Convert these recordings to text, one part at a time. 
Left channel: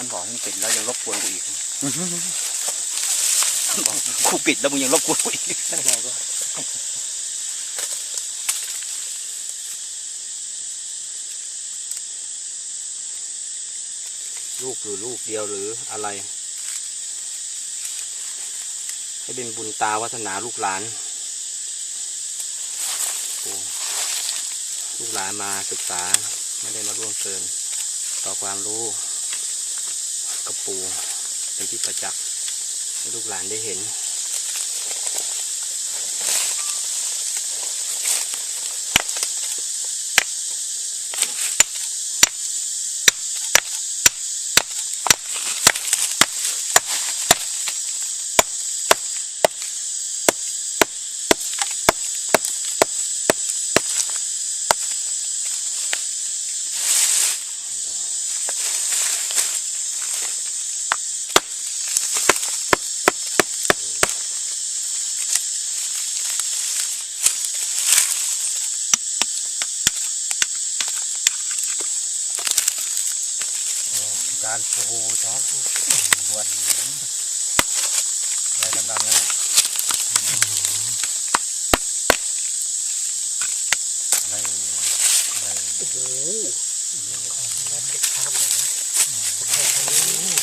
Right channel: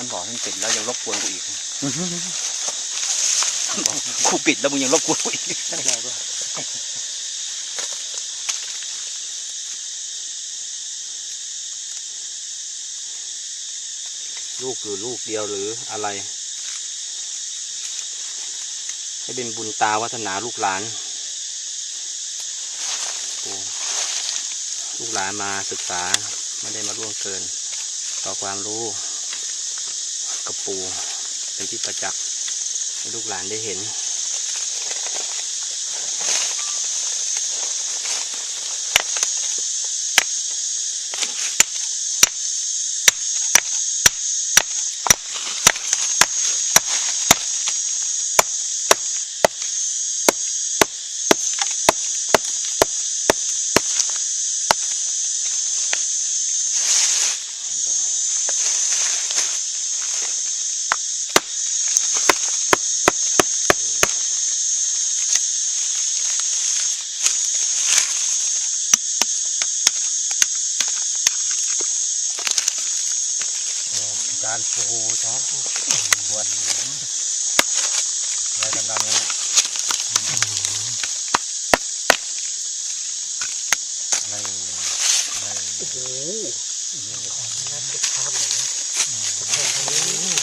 ท่านบอกท่านปิดแล้วยังรบกวนกูอีกท่านบอกกูปิดแล้วมึงยังรบกวนกูอีกใช่แล้วก็ลูกหรือลูกเดียวหรืออะไร ให้เป็นบุญตาวัฒนาลูกหลานโอ้ลูกหลานมาศึกษา ไม่ได้มาล่วงเกิน ต่อความรู้ กับปูเป็นที่ประจักษ์ให้ลูกหลานได้เห็น จานโอ้โหจานปวดอะไรดำๆนี่ยอะไรอะไรโอ้โหน่าติดภาพเลยนะตะแคงทางนี้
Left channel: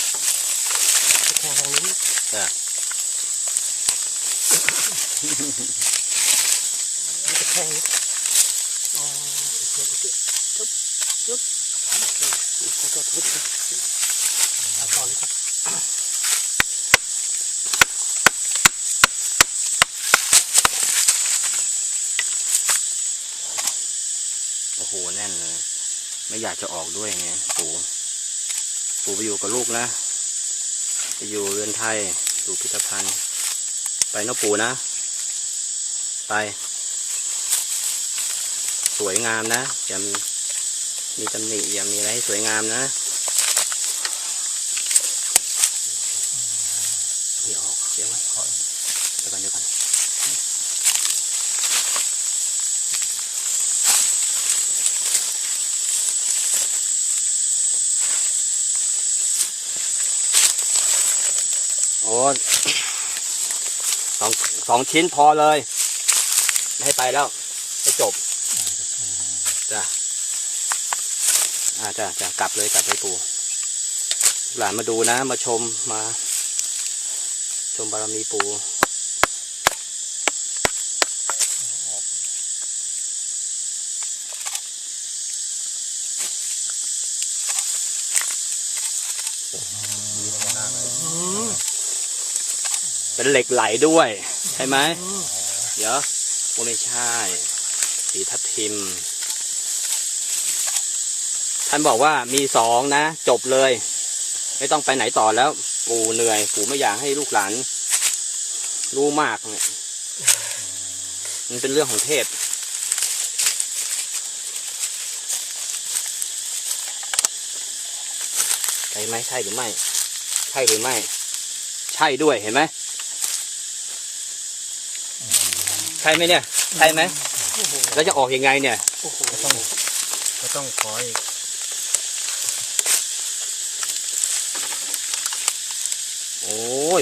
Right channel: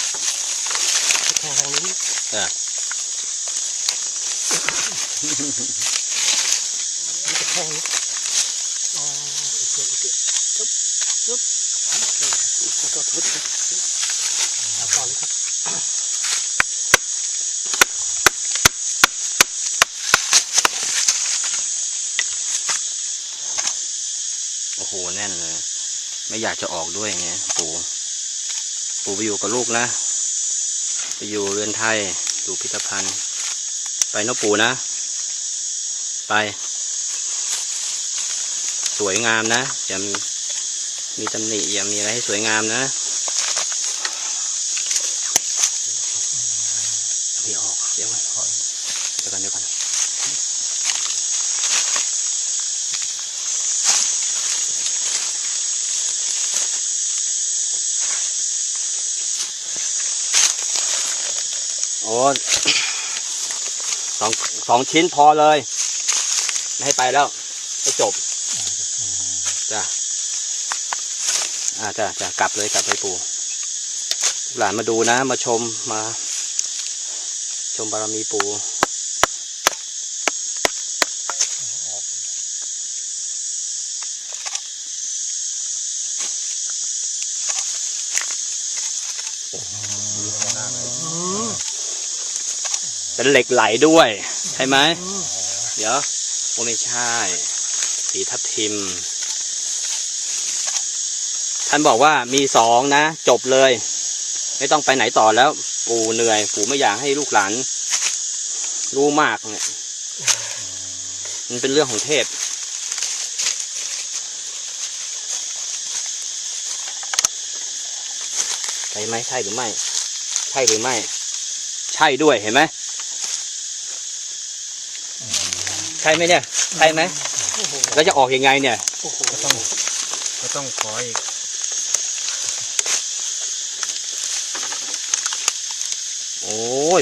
ตะแคงทางนี้อะนี่ตะแคงนี้อ๋อโอเคโอเคจุ๊บจุ๊บ ขอโทษเอาต่อเลยครับโอ้โหแน่นเลย ไม่อยากจะออกด้วยไงปู่ปู่ไปอยู่กับลูกนะไปอยู่เรือนไทยอยู่พิพิธภัณฑ์ ไปนาะปู่นะ ไป สวยงามนะอย่ามี มีตำหนิอย่ามีอะไรให้สวยงามนะไม่ออกเดี๋ยวก่อนเดี๋ยวก่อนเดี๋ยวก่อนโอ้สองสองชิ้นพอเลย ไม่ให้ไปแล้ว ไม่จบ จ้ะ อาจะจะกลับเลยกลับไปปู่หลานมาดูนะ มาชมมา ชมบารมีปู่เป็นเหล็กไหลด้วย ใช่ไหม เดี๋ยวไม่ใช่ สีทับทิม ท่านบอกว่ามีสองนะ จบเลย ไม่ต้องไปไหนต่อแล้ว ปู่เหนื่อย ปู่ไม่อยากให้ลูกหลาน รู้มากเนี่ยมันเป็นเรื่องของเทพใช่ไหมใช่หรือไม่ ใช่หรือไม่ ใช่ด้วยเห็นไหมใช่ไหมเนี่ย ใช่ไหมแล้วจะออกยังไงเนี่ยก็ต้องก็ต้องขออีก โอ้ย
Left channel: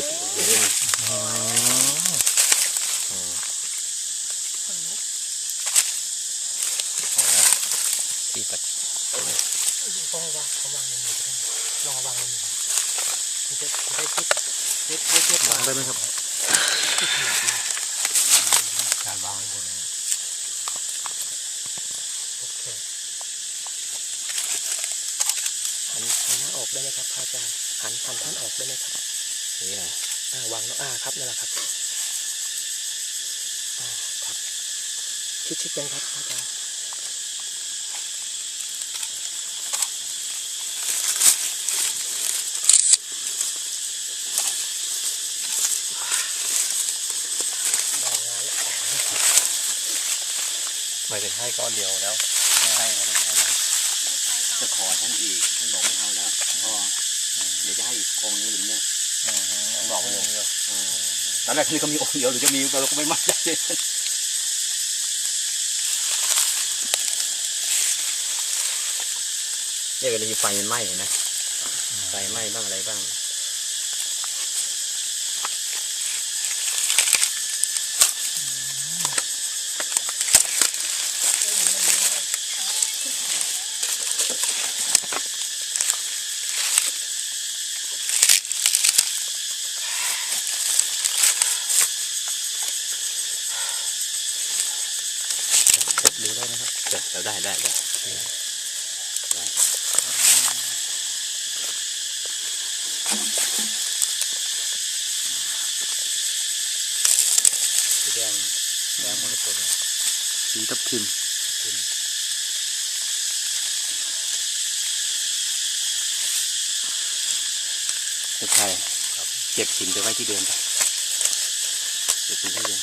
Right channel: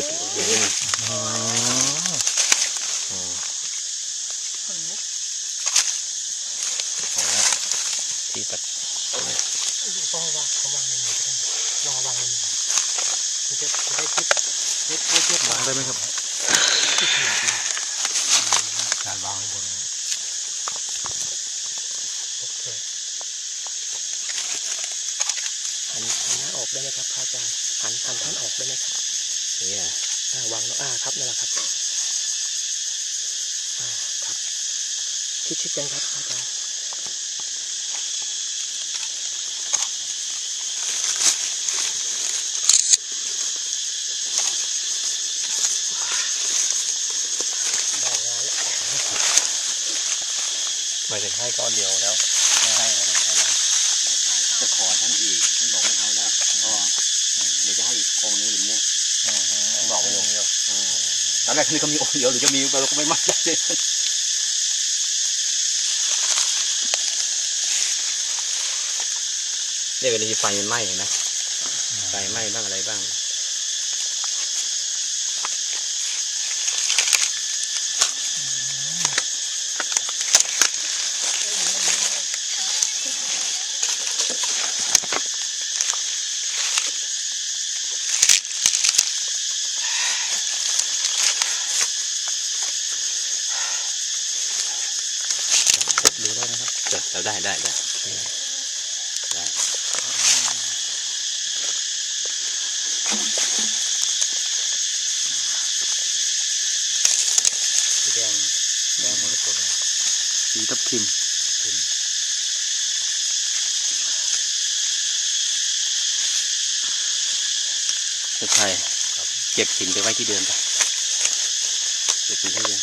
ที่ตัดก็วางเขาวางในมือได้ลองวางในมือมันจะได้คิดเล็ดเล็ดเล็ดวางได้ไหมครับที่ขนาดนี้การวางบนโอเคหันหันหน้าออกได้ไหมครับพระอาจารย์หันหันท่านออกได้ไหมครับ นี่นะอ่าวางแล้วอ่าครับนั่นแหละครับอ่าครับ ชิดชิดกันครับพระอาจารย์ได้งานแล้วหมายถึงให้ก้อนเดียวแล้วไม่ให้แล้วไม่ให้แล้วจะขอท่านอีกท่านบอกไม่เอาแล้วพอเดี๋ยวจะให้อีกองค์นึงอย่างเนี้ย บอกไว้เลยเดียวตอนแรกนี่ก็มีองค์เดียวหรือจะมีเราก็ไม่มั่นใจเนี่ยเวลาที่ไฟมันไหม้เห็นไหมอืมไฟไหม้บ้างอะไรบ้าง จับดูได้นะครับ เดี๋ยวเรา ได้ได้ได้ได้สีแดงแดงมรกตเลยสีทับทิมทิมใช่เก็บหินไปไว้ที่เดิมไปเก็บหินที่เดิม